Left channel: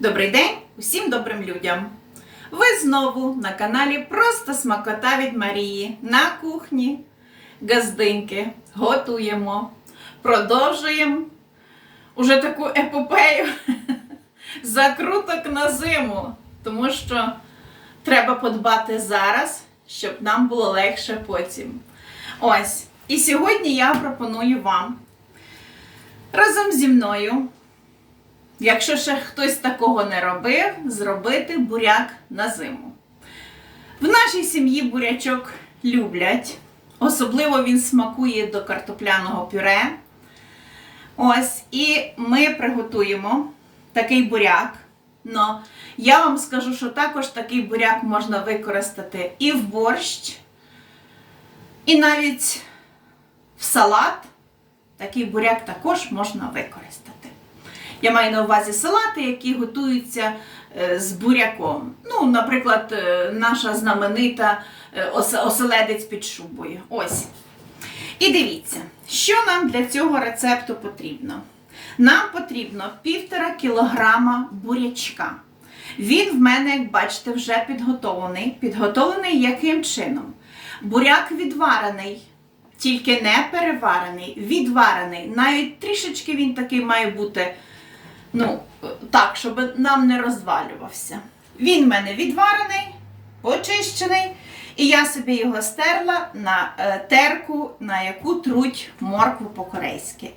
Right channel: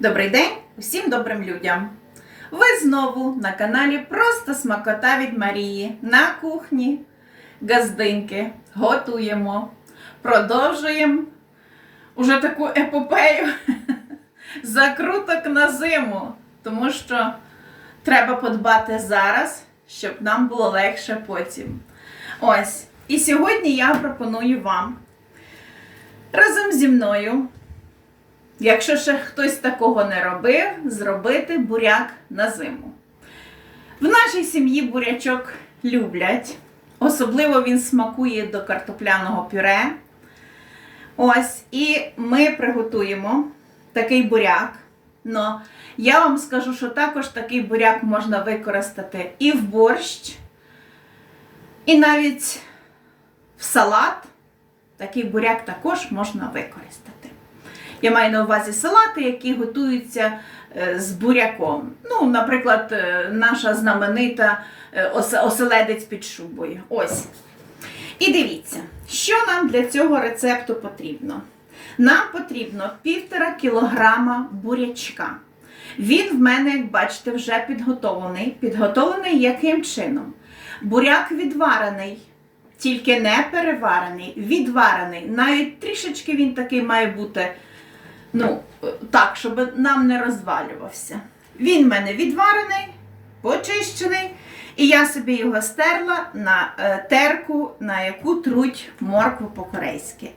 Добрий день усім добрим людям! Ви знову на каналі Просто Смакота від Марії на кухні. Газдинки готуємо, продовжуємо уже таку епопею закруток на зиму, тому що треба подбати зараз, щоб нам було легше потім. Ось. І сьогодні я пропоную вам разом зі мною Якщо ще хтось такого не робив, зробити буряк на зиму. В нашій сім'ї бурячок люблять. Особливо він смакує до картопляного пюре. Ось, і ми приготуємо такий буряк. Но я вам скажу, що також такий буряк можна використати і в борщ, і навіть в салат. Такий буряк також можна використати. Я маю на увазі салати, які готуються е, з буряком. Ну, наприклад, е, наша знаменита е, оселедець під шубою. Ось. І дивіться, що нам для цього рецепту потрібно. Нам потрібно півтора кілограма бурячка. Він в мене, як бачите, вже підготовлений. Підготовлений яким чином? Буряк відварений, тільки не переварений, відварений. Навіть трішечки він такий має бути ну, так, щоб нам не розвалювався. Він в мене відварений, почищений, і я собі його стерла на е, терку, на яку труть моркву по-корейськи.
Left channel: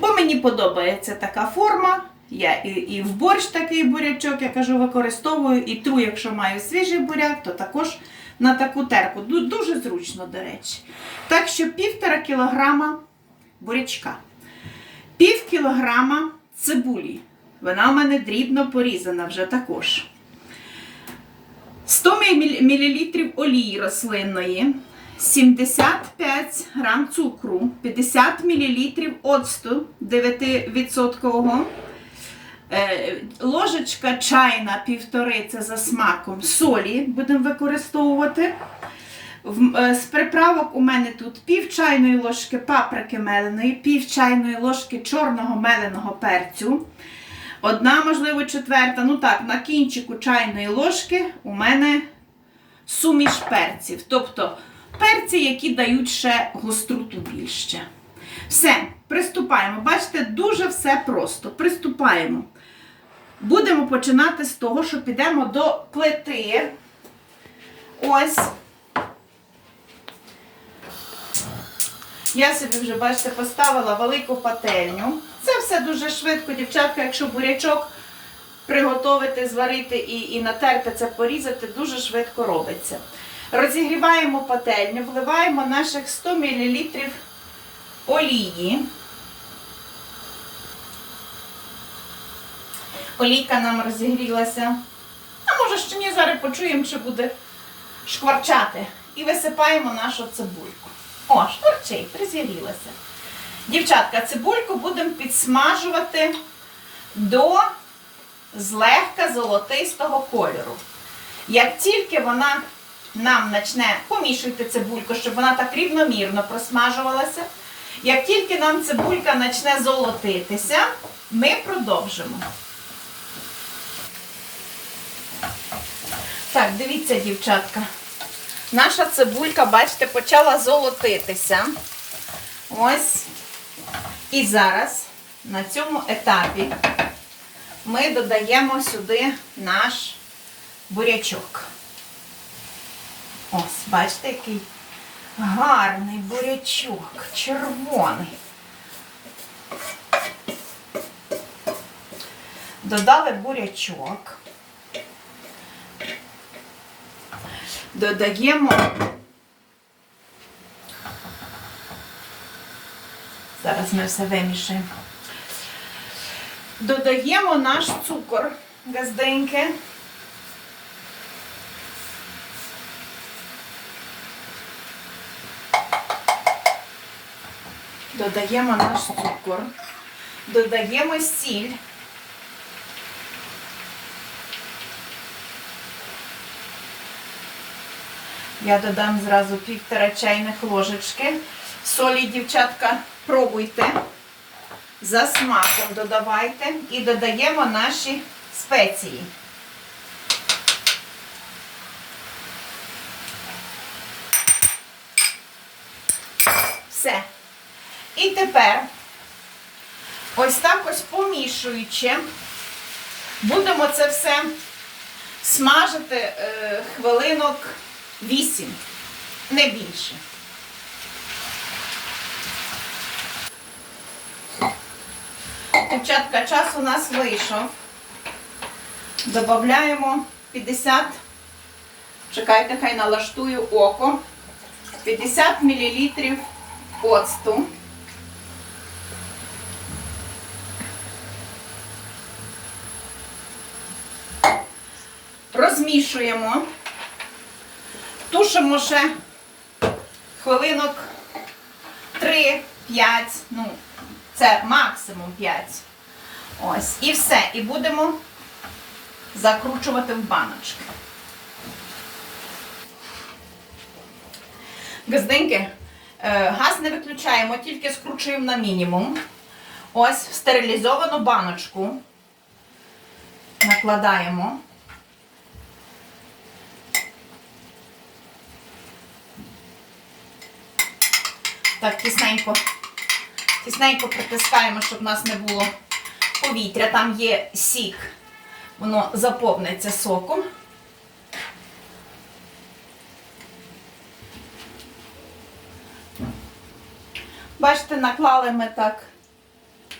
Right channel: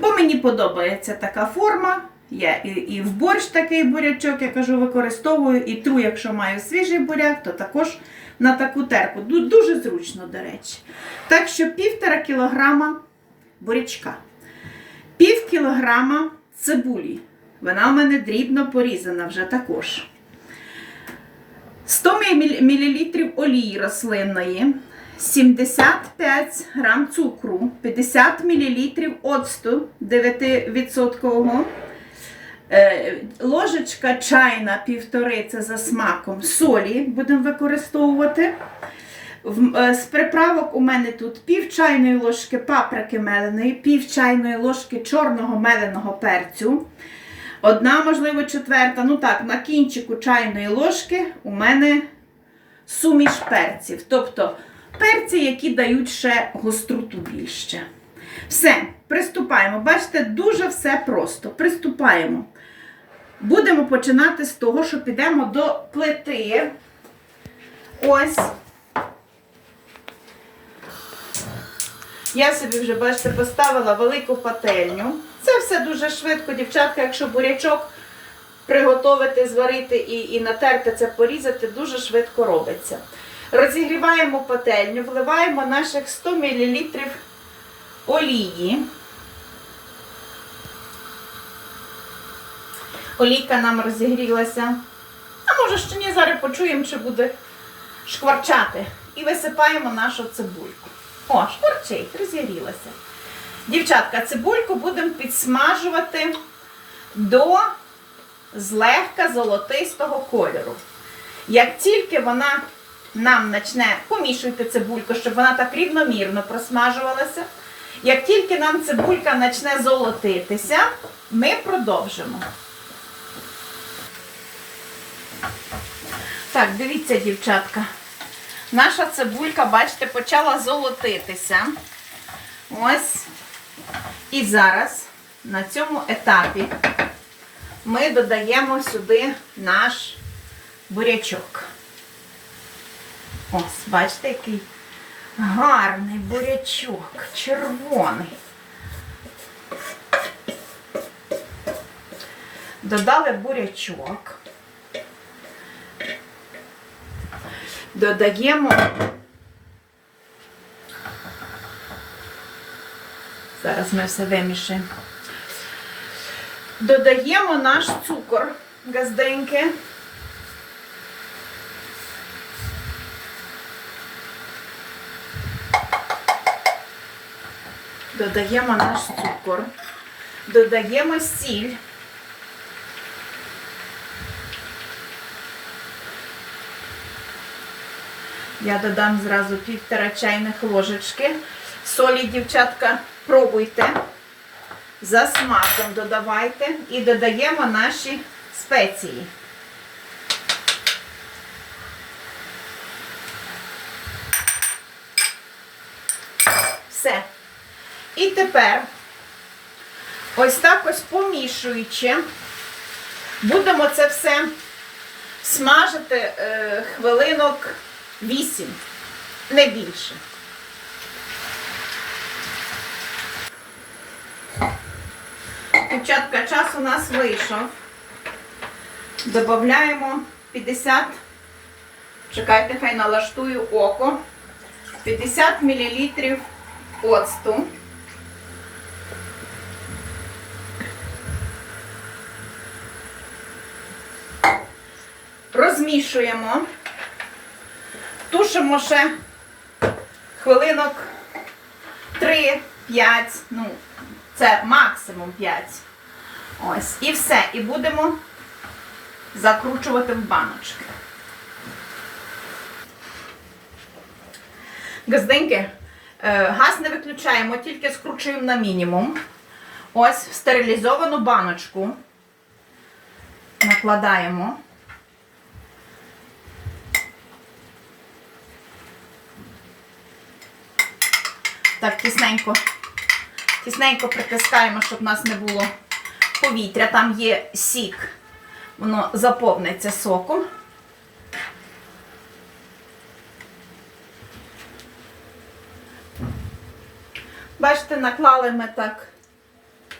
Бо мені подобається така форма. Я і, і в борщ такий бурячок, я кажу, використовую, і тру, якщо маю свіжий буряк, то також на таку терку. Дуже зручно, до речі. Так що півтора кілограма бурячка. Пів кілограма цибулі. Вона в мене дрібно порізана вже також. 100 мл олії рослинної, 75 грам цукру, 50 мл оцту 9%, е, ложечка чайна півтори, це за смаком, солі будемо використовувати. Е, З приправок у мене тут пів чайної ложки паприки меленої, пів чайної ложки чорного меленого перцю. Одна, можливо, четверта, ну так, на кінчику чайної ложки у мене суміш перців. Тобто перці, які дають ще гостроту більше. Все, приступаємо. Бачите, дуже все просто. Приступаємо. Будемо починати з того, що підемо до плити. Ось. Я собі вже, бачите, поставила велику пательню. Це все дуже швидко, дівчатка, якщо бурячок приготувати, зварити і, і натерти це порізати, дуже швидко робиться. Розігріваємо пательню, вливаємо наших 100 мл олії. Олійка нам розігрілася. А може ще ні, зараз почуємо, чи буде шкварчати. І висипаємо нашу цибульку. О, шкварчить, розігрілася. Дівчатка, цибульку будемо підсмажувати до злегка золотистого кольору. Як тільки вона нам почне, помішуйте цибульку, щоб вона так рівномірно просмажувалася. Як тільки нам цибулька почне золотитися, ми продовжимо. Так, дивіться, дівчатка. Наша цибулька, бачите, почала золотитися. Ось. І зараз на цьому етапі ми додаємо сюди наш бурячок. Ось, бачите, який гарний бурячок, червоний. Додали бурячок. Додаємо Зараз ми все вимішаємо. Додаємо наш цукор газденьки. Додаємо наш цукор. Додаємо сіль. Я додам зразу півтора чайних ложечки. Солі, дівчатка, пробуйте. За смаком додавайте і додаємо наші спеції. Все. І тепер, ось так ось помішуючи, будемо це все смажити е, хвилинок 8, не більше. Дівчатка, час у нас вийшов. Добавляємо 50, чекайте, хай налаштую око. 50 мл оцту. Розмішуємо. Тушимо ще хвилинок 3-5, ну, це максимум 5. Ось, і все. І будемо закручувати в баночки. Газденьки, е, газ не виключаємо, тільки скручуємо на мінімум. Ось в стерилізовану баночку накладаємо. Так, тісненько, тісненько притискаємо, щоб в нас не було повітря. Там є сік, воно заповниться соком. Бачите, наклали ми так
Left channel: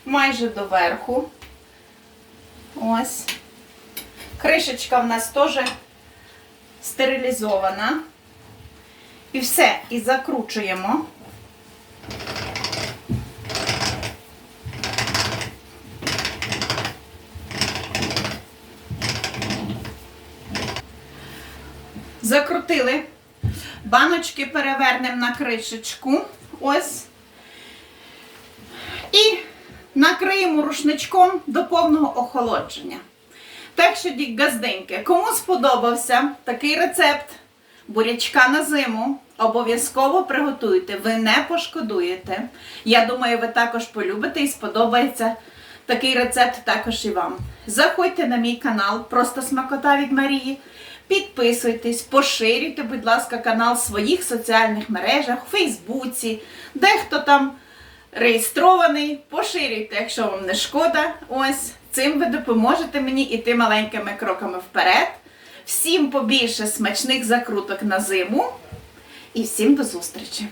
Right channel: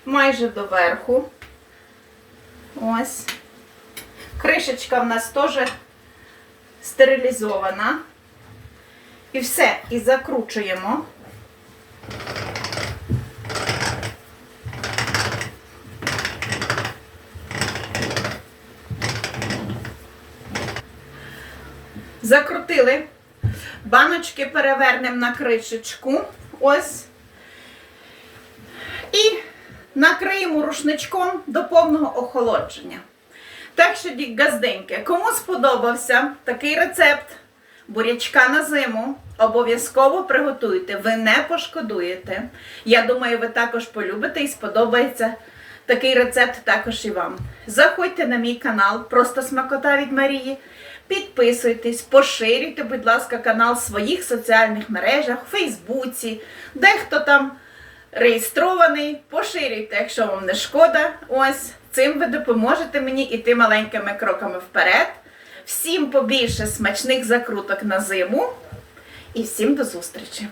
майже до верху. Ось. Кришечка в нас теж стерилізована. І все, і закручуємо. Закрутили. Баночки перевернемо на кришечку. Ось. І накриємо рушничком до повного охолодження. Так що, дік газденьки, кому сподобався такий рецепт бурячка на зиму, обов'язково приготуйте, ви не пошкодуєте. Я думаю, ви також полюбите і сподобається такий рецепт також і вам. Заходьте на мій канал, просто смакота від Марії. Підписуйтесь, поширюйте, будь ласка, канал в своїх соціальних мережах, у Фейсбуці, дехто там реєстрований. Поширюйте, якщо вам не шкода. Ось цим ви допоможете мені іти маленькими кроками вперед. Всім побільше смачних закруток на зиму. І всім до зустрічі!